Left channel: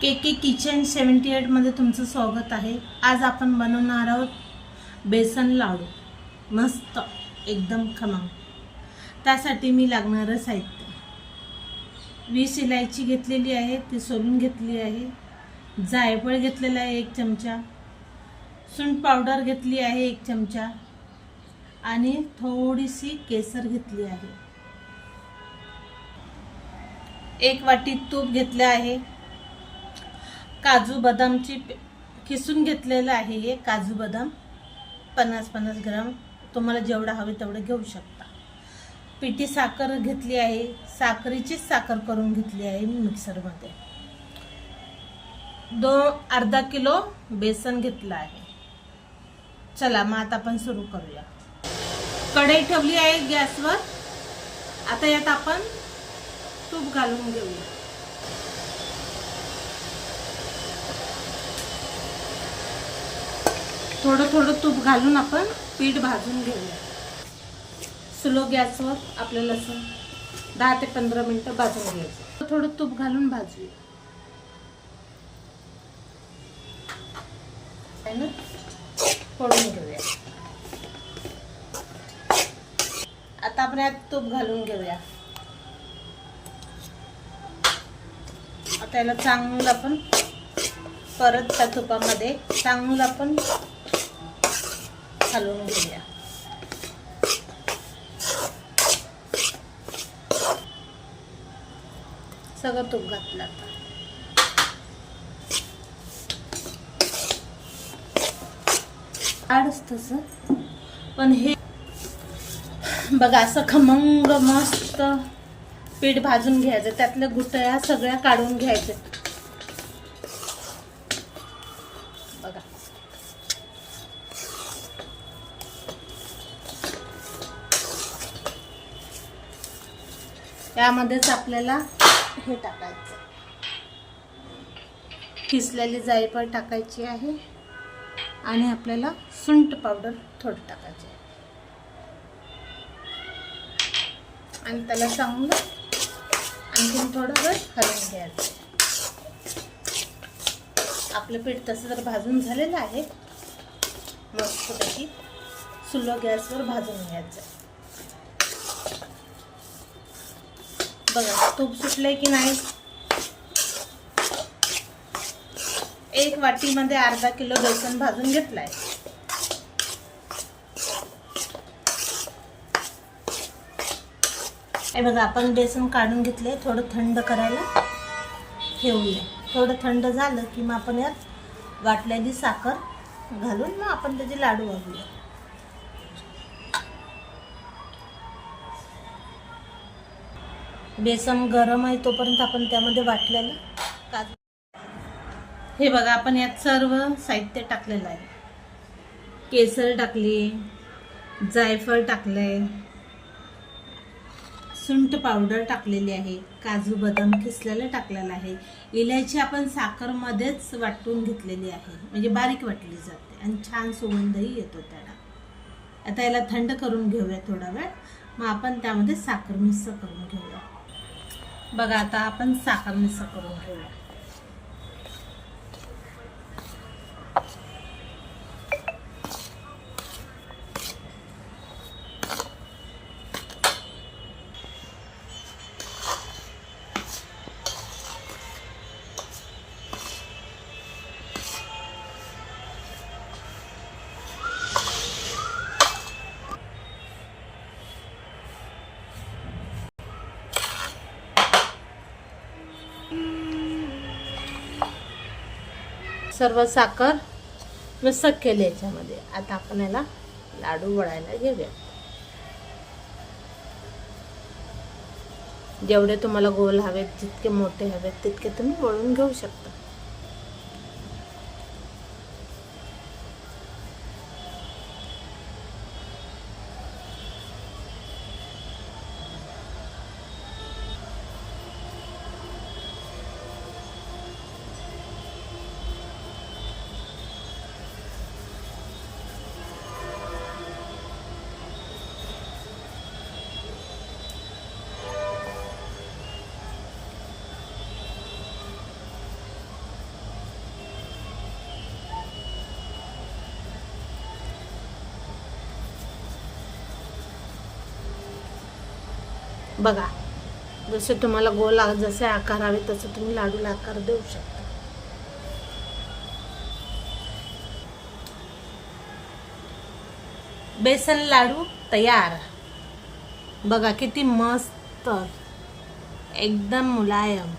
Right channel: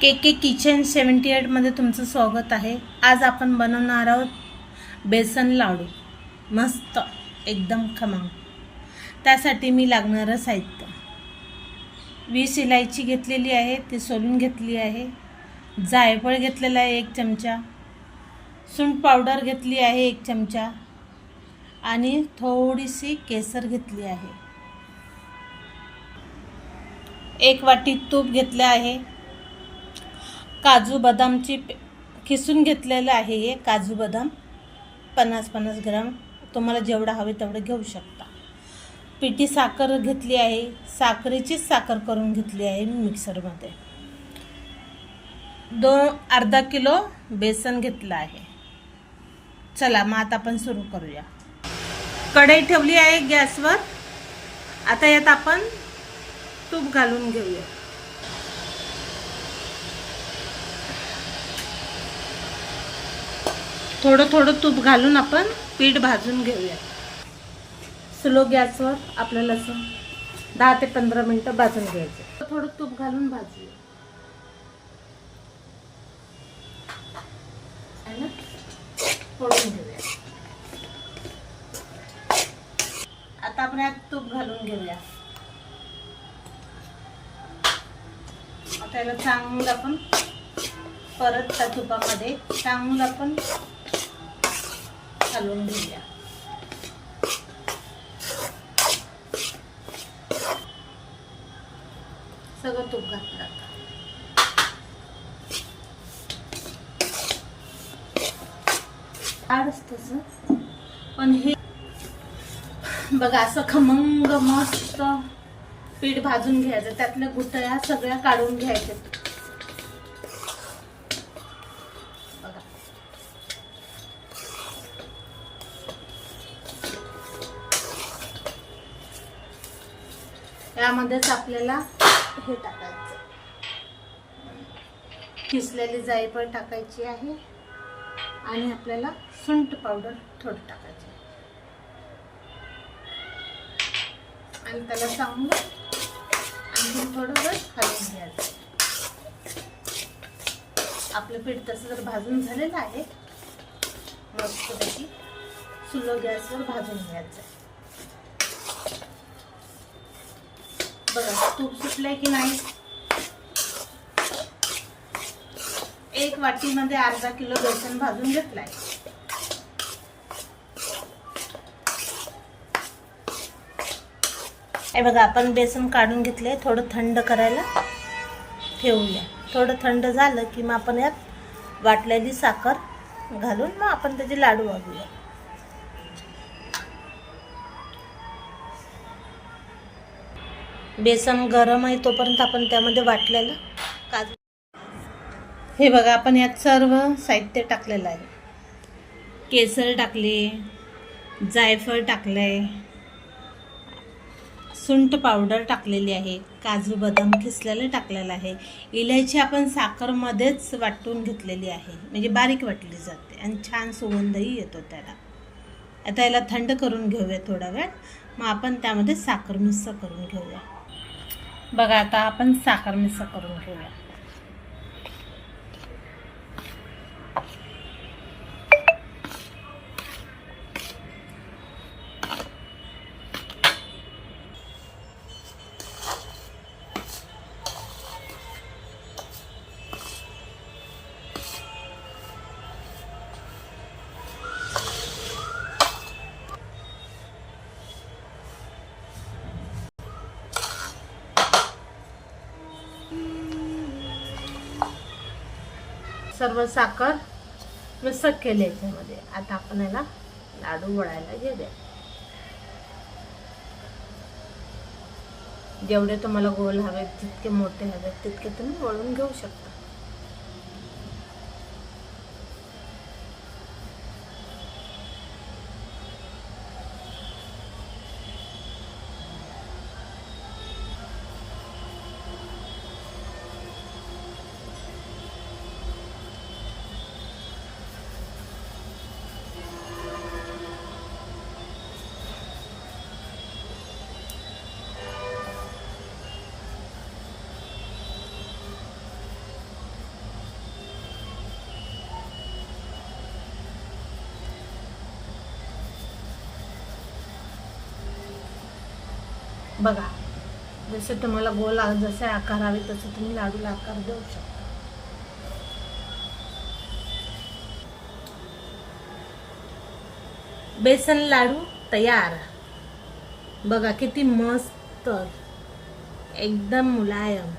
के के kitchen 78 मध्ये तुमचं स्वागत आहे। आज आपण बनवणार आहोत बेसन लाडू, मस्त एकदम खमंग। त्यासाठी मी लागणारं साहित्य 20 इलायची घेतलेली आहे, ती सोलून घेतली आहे। जायफळ घेतलेला आहे 1 चमचा, सुंठ पावडर घेतली आहे 1 चमचा आणि थोडीशी केसर घेतली आहे। 1 वाटी तूप घेतले आहे। काजू बदामची किसून घेतलेलं आहे। हे काजू बदाम 50-50 ग्राम, तुम्हाला जेवढा हवे तेवढं घेऊ शकता। पिठी साखर घेतली आहे, साखरेचीच साखर करून घेतली आहे मी मिक्सरमध्ये। अर्धा किलो बेसन घेतलं आहे। चला मग आता आपण सुरू करूया। कढई ठेवली आहे गॅसवर। आता यात आपण तूप घालून घेऊया। थोडं थोडं तूप घालून आपण पीठ भाजून घेऊया। स्लो गॅसवर आपल्याला 10 ते 15 मिनिटं भाजून घ्यायचं। थोडं तूप घालून भाजूया। फोडून घेऊया। आता आपण यात तूप घालून घेऊया। आता याला चांगलं आपण परत त्या तुपामध्ये चांगलं आपण हलवून घेऊया। सगळं तूप घातलं। तसं पण हे बघा, असं खमंग मस्त पीठ भाजून घ्यायचं। त्यातल्या गुठळ्या सगळ्या काढून घ्यायच्या। बघा, यामध्येच आपल्याला हे टाकायचं, किसलेली जायफळ टाकायची आहे आणि आपल्याला सुंठ पावडर थोडं टाकायचं आणि त्याला चांगलं आणखी थोडं वेळ हलवून घ्यायचं। आपलं पीठ तसं तर भाजून झालेलं आहे। मस्तपैकी स्लो गॅसवर भाजून घ्यायचं। बघा तूप सुटलंय की नाही। 1 वाटीमध्ये अर्धा किलो बेसन भाजून घेतलाय। हे बघा, आपण बेसन काढून घेतले। थोडं थंड करायला ठेवूया। थोडं थंड झालं की मग आपण यात वाटलेली साखर घालून मग आपण त्याचे लाडू वाढूया। बेसन गरम आहे तोपर्यंत आपण त्यामध्ये वाटलेलं काजू, हे बघा आपण यात सर्व साहित्य टाकलेलं आहे। केसर टाकले, जायफळ टाकले, सुंठ पावडर टाकलेली आहे, काजू बदाम किसलेलं टाकलेलं आहे, इलायची आपण साखरमध्येच वाटून घेतलेली आहे, म्हणजे बारीक वाटली जाते आणि छान सुगंधही येतो त्याला। आता याला थंड करून घेऊया थोडा वेळ, मग आपण त्यामध्ये साखर मिक्स करून घेऊया। बघा, आता आपण साखर मिक्स करून घेऊया। सर्व साखर मिक्स केली याच्यामध्ये। आता आपण याला लाडू वळायला घेऊया। जेवढे तुम्हाला गोल हवेत, जितके मोठे हवेत तितके तुम्ही वळून घेऊ शकता। बघा, जसे तुम्हाला गोल जसे आकार हवे तसे तुम्ही लाडूला आकार देऊ शकता. बेसन लाडू तयार. बघा किती मस्त, एकदम मुलायम.